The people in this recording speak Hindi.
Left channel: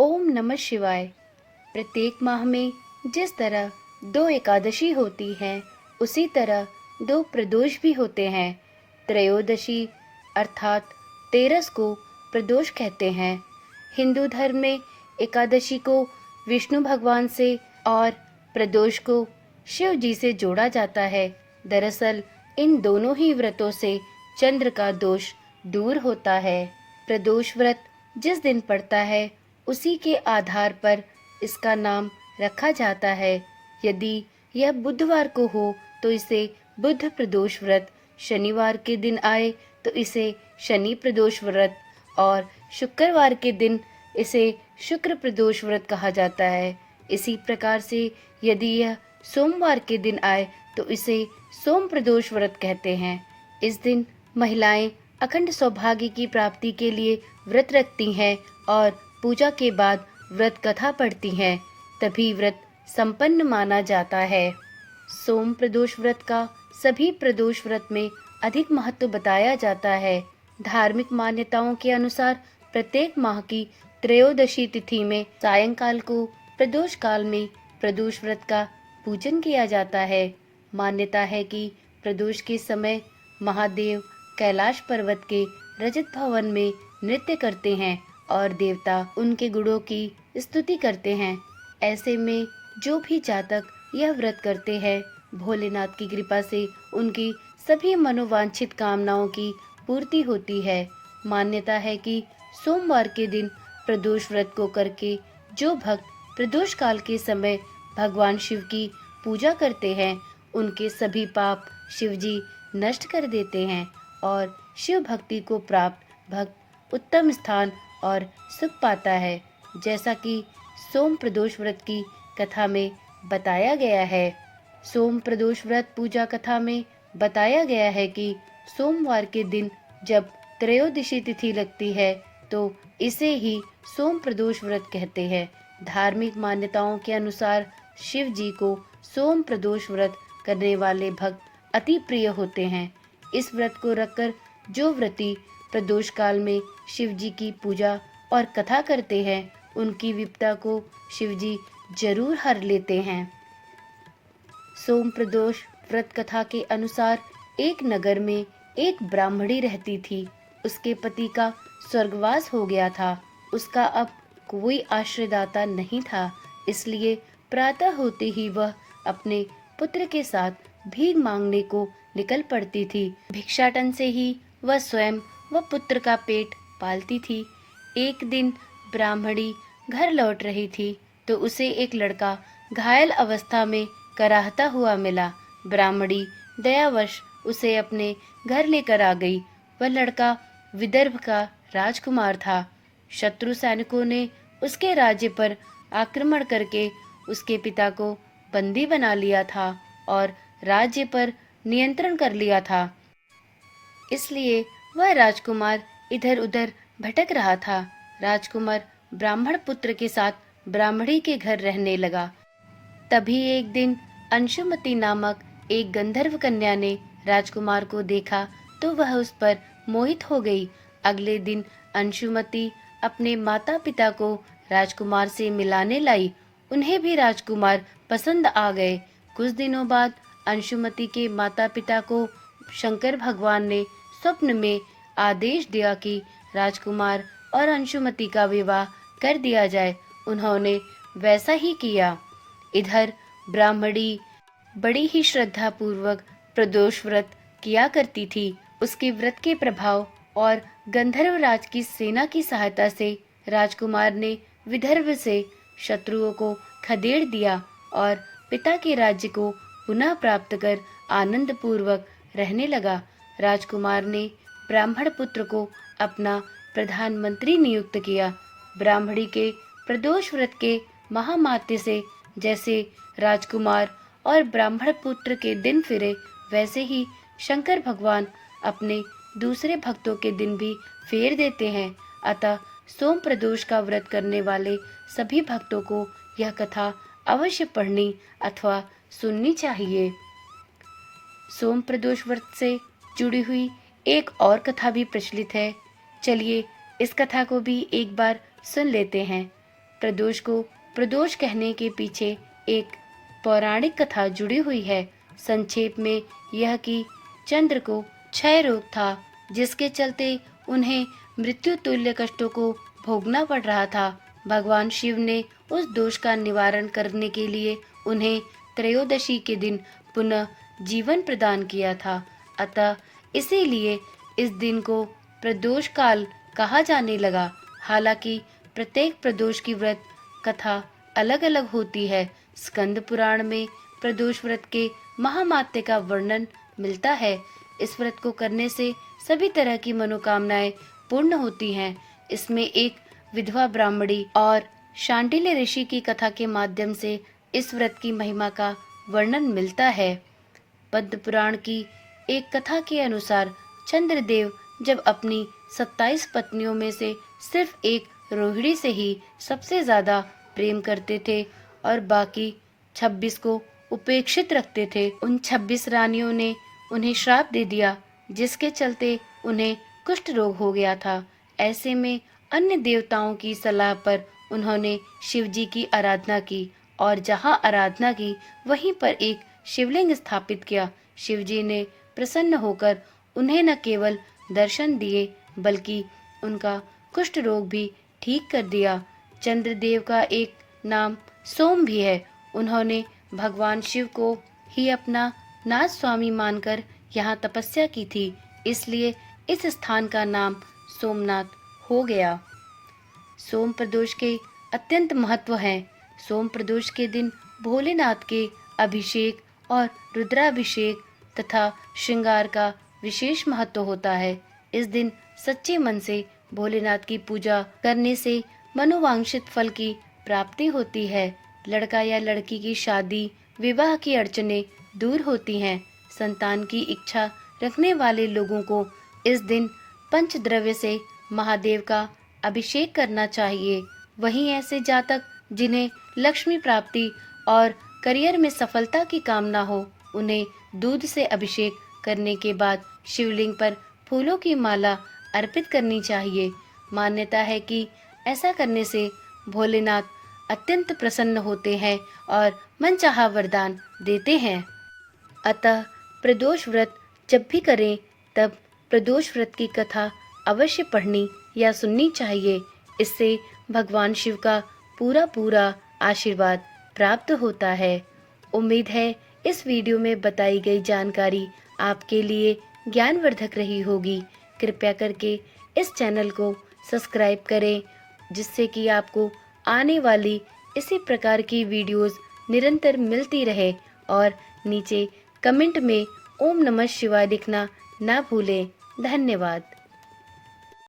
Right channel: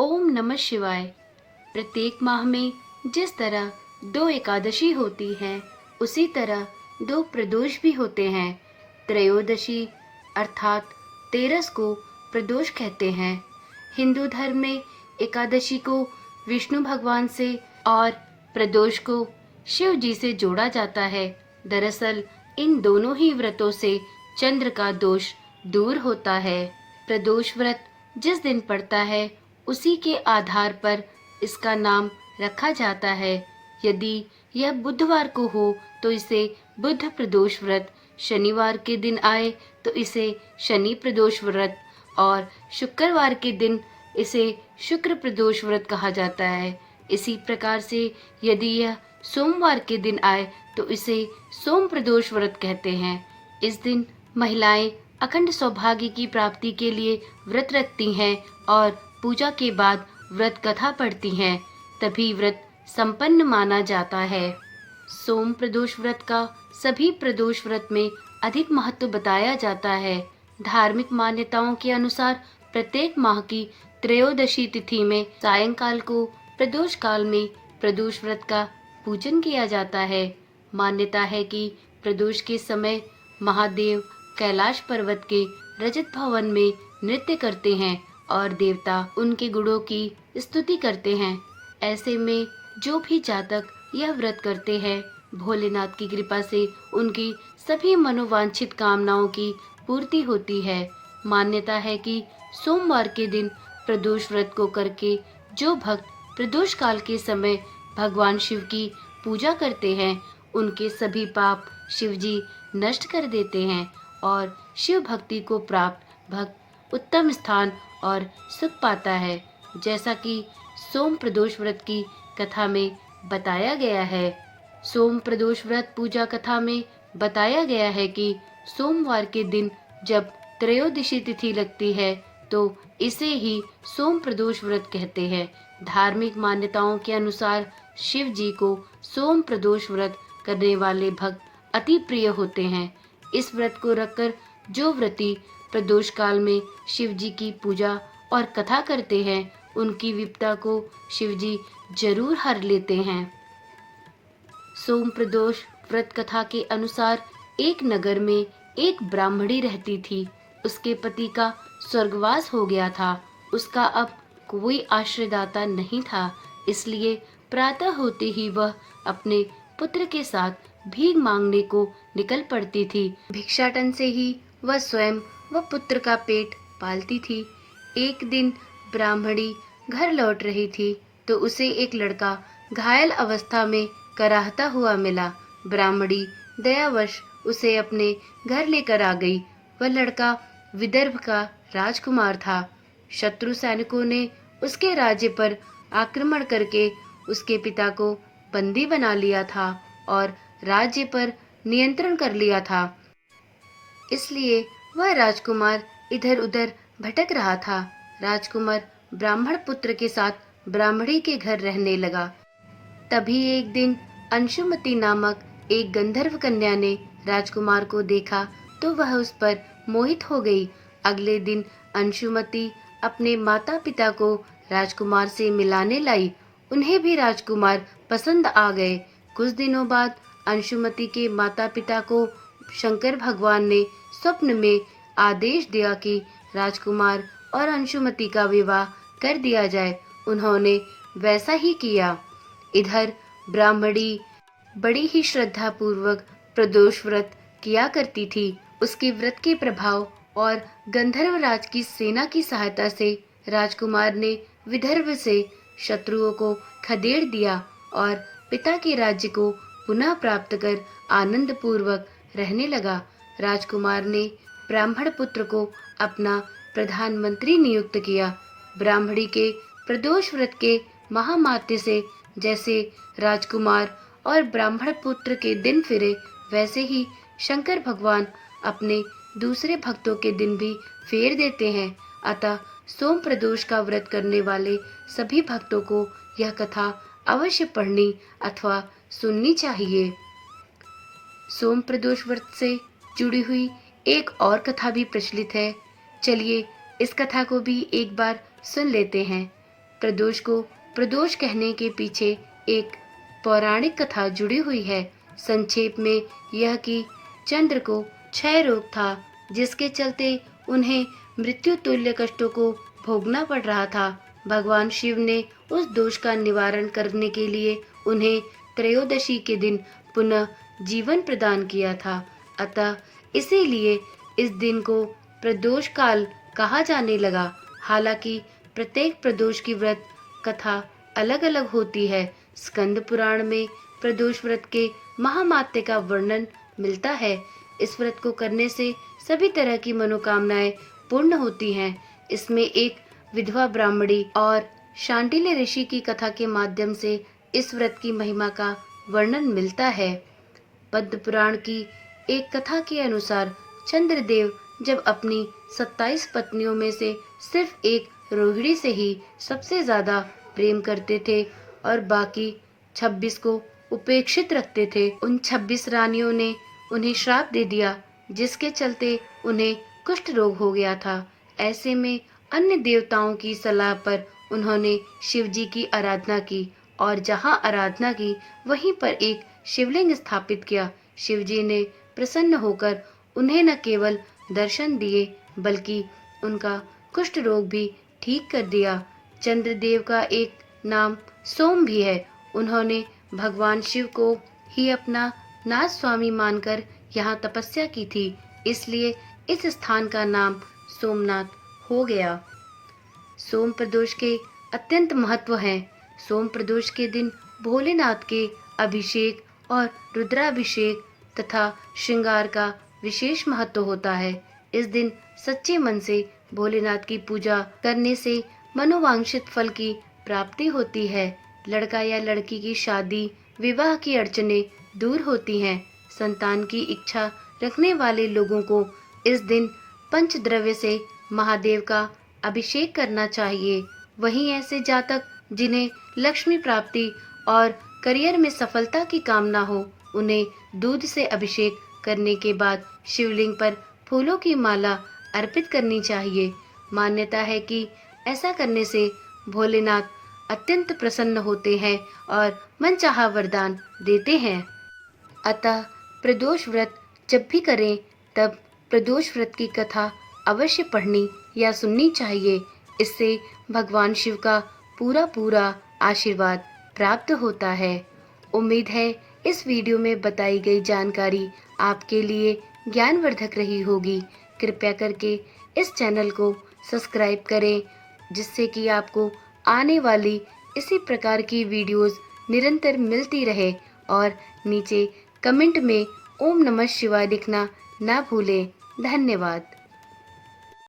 ओम नमः शिवाय। प्रत्येक माह में जिस तरह 2 एकादशी होती हैं, उसी तरह 2 प्रदोष भी होते हैं। त्रयोदशी अर्थात 13 को प्रदोष कहते हैं। हिंदू धर्म में एकादशी को विष्णु भगवान से और प्रदोष को शिव जी से जोड़ा जाता है। दरअसल इन दोनों ही व्रतों से चंद्र का दोष दूर होता है। प्रदोष व्रत जिस दिन पड़ता है, उसी के आधार पर इसका नाम रखा जाता है। यदि यह बुधवार को हो तो इसे बुध प्रदोष व्रत, शनिवार के दिन आए तो इसे शनि प्रदोष व्रत और शुक्रवार के दिन इसे शुक्र प्रदोष व्रत कहा जाता है। इसी प्रकार से यदि यह सोमवार के दिन आए तो इसे सोम प्रदोष व्रत कहते हैं। इस दिन महिलाएं अखंड सौभाग्य की प्राप्ति के लिए व्रत रखती हैं और पूजा के बाद व्रत कथा पढ़ती हैं, तभी व्रत संपन्न माना जाता है। सोम प्रदोष व्रत का सभी प्रदोष व्रत में अधिक महत्व बताया जाता है। धार्मिक मान्यताओं के अनुसार प्रत्येक माह की त्रयोदशी तिथि में सायंकाल को प्रदोष काल में प्रदोष व्रत का पूजन किया जाता है। मान्यता है कि प्रदोष के समय महादेव कैलाश पर्वत के रजत भवन में नृत्य करते हैं और देवता उनके गुणों की स्तुति करते हैं। ऐसे में जो भी जातक यह व्रत करते हैं, भोलेनाथ की कृपा से उनकी सभी मनोवांछित कामनाओं की पूर्ति होती है। मान्यता है कि सोमवार के दिन प्रदोष व्रत को करके जो भक्त प्रदोष काल के समय भगवान शिव की पूजा करते हैं, उनके सभी पाप शिवजी नष्ट कर देते हैं और शिव भक्ति को प्राप्त भक्त उत्तम स्थान और सुख पाता है। जैसा कि सोम प्रदोष व्रत की कथा में बताया गया है। सोम प्रदोष व्रत पूजा कथा में बताया गया है कि सोमवार के दिन जब त्रयोदशी तिथि लगती है तो इसे ही सोम प्रदोष व्रत कहते हैं। धार्मिक मान्यताओं के अनुसार शिव जी को सोम प्रदोष व्रत करने वाले भक्त अति प्रिय होते हैं। इस व्रत को रखकर जो व्रती प्रदोष काल में शिव जी की पूजा और कथा करते हैं, उनकी विपदा को शिव जी जरूर हर लेते हैं। सोम प्रदोष व्रत कथा के अनुसार एक नगर में एक ब्राह्मणी रहती थी। उसके पति का स्वर्गवास हो गया था। उसका अब कोई आश्रयदाता नहीं था, इसलिए प्रातः होते ही वह अपने पुत्र के साथ भीख मांगने को निकल पड़ती थी। भिक्षाटन से ही वह स्वयं व पुत्र का पेट पालती थी। एक दिन ब्राह्मणी घर लौट रही थी तो उसे एक लड़का घायल अवस्था में कराहता हुआ मिला। ब्राह्मणी दयावश उसे अपने घर लेकर आ गई। वह लड़का विदर्भ का राजकुमार था। शत्रु सैनिकों ने उसके राज्य पर आक्रमण करके उसके पिता को बंदी बना लिया था और राज्य पर नियंत्रण कर लिया था। इसलिए वह राजकुमार इधर उधर भटक रहा था। राजकुमार ब्राह्मण पुत्र के साथ ब्राह्मणी के घर रहने लगा। तभी एक दिन अंशुमति नामक एक गंधर्व कन्या ने राजकुमार को देखा तो वह उस पर मोहित हो गई। अगले दिन अंशुमति अपने माता पिता को राजकुमार से मिलाने लाई। उन्हें भी राजकुमार पसंद आ गए। कुछ दिनों बाद अंशुमति के माता पिता को शंकर भगवान ने स्वप्न में आदेश दिया कि राजकुमार और अंशुमति का विवाह कर दिया जाए। उन्होंने वैसा ही किया। इधर ब्राह्मणी बड़ी ही श्रद्धा पूर्वक प्रदोष व्रत किया करती थी। उसके व्रत के प्रभाव और गंधर्व राज की सेना की सहायता से राजकुमार ने विदर्भ से शत्रुओं को खदेड़ दिया और पिता के राज्य को पुनः प्राप्त कर आनंद पूर्वक रहने लगा। राजकुमार ने ब्राह्मण पुत्र को अपना प्रधानमंत्री नियुक्त किया। ब्राह्मणी के प्रदोष व्रत के महामात्य से जैसे राजकुमार और ब्राह्मण पुत्र के दिन फिरे, वैसे ही शंकर भगवान अपने दूसरे भक्तों के दिन भी फेर देते हैं। अतः सोम प्रदोष का व्रत करने वाले सभी भक्तों को यह कथा अवश्य पढ़नी अथवा सुननी चाहिए। सोम प्रदोष व्रत से जुड़ी हुई एक और कथा भी प्रचलित है। चलिए इस कथा को भी एक बार सुन लेते हैं। प्रदोष को प्रदोष कहने के पीछे एक पौराणिक कथा जुड़ी हुई है। संक्षेप में यह कि चंद्र को क्षय रोग था, जिसके चलते उन्हें मृत्यु तुल्य कष्टों को भोगना पड़ रहा था। भगवान शिव ने उस दोष का निवारण करने के लिए उन्हें त्रयोदशी के दिन पुनः जीवन प्रदान किया था। अतः इसीलिए इस दिन को प्रदोष काल कहा जाने लगा। हालांकि प्रत्येक प्रदोष की व्रत कथा अलग अलग होती है। स्कंद पुराण में प्रदोष व्रत के महामात्य का वर्णन मिलता है। इस व्रत को करने से सभी तरह की मनोकामनाएं पूर्ण होती हैं। इसमें एक विधवा ब्राह्मणी और शांडिल्य ऋषि की कथा के माध्यम से इस व्रत की महिमा का वर्णन मिलता है। पद्म पुराण की एक कथा के अनुसार चंद्रदेव जब अपनी 27 पत्नियों में से सिर्फ एक रोहिणी से ही सबसे ज्यादा प्रेम करते थे और बाकी 26 को उपेक्षित रखते थे। उन 26 रानियों ने उन्हें श्राप दे दिया, जिसके चलते उन्हें कुष्ठ रोग हो गया था। ऐसे में अन्य देवताओं की सलाह पर उन्होंने शिव जी की आराधना की और जहां आराधना की वहीं पर एक शिवलिंग स्थापित किया। शिव जी ने प्रसन्न होकर उन्हें न केवल दर्शन दिए बल्कि उनका कुष्ठ रोग भी ठीक कर दिया। चंद्रदेव का एक नाम सोम भी है। उन्होंने भगवान शिव को ही अपना नाथ स्वामी मानकर यहाँ तपस्या की थी, इसलिए इस स्थान का नाम सोमनाथ हो गया। सोम प्रदोष के अत्यंत महत्व हैं। सोम प्रदोष के दिन भोलेनाथ के अभिषेक और रुद्राभिषेक तथा श्रृंगार का विशेष महत्व होता है। इस दिन सच्चे मन से भोलेनाथ की पूजा करने से मनोवांछित फल की प्राप्ति होती है। लड़का या लड़की की शादी विवाह की अड़चनें दूर होती हैं। संतान की इच्छा रखने वाले लोगों को इस दिन पंचद्रव्य से महादेव का अभिषेक करना चाहिए। वहीं ऐसे जातक जिन्हें लक्ष्मी प्राप्ति और करियर में सफलता की कामना हो, उन्हें दूध से अभिषेक करने के बाद शिवलिंग पर फूलों की माला अर्पित करनी चाहिए। मान्यता है कि ऐसा करने से भोलेनाथ अत्यंत प्रसन्न होते हैं और मनचाहा वरदान देते हैं। अतः प्रदोष व्रत जब भी करें तब प्रदोष व्रत की कथा अवश्य पढ़नी या सुननी चाहिए। इससे भगवान शिव का पूरा आशीर्वाद प्राप्त होता है। उम्मीद है इस वीडियो में बताई गई जानकारी आपके लिए ज्ञानवर्धक रही होगी। कृपया करके इस चैनल को सब्सक्राइब करें, जिससे कि आपको आने वाली इसी प्रकार की वीडियोस निरंतर मिलती रहे। और नीचे कमेंट में ओम नमः शिवाय लिखना ना भूलें। धन्यवाद।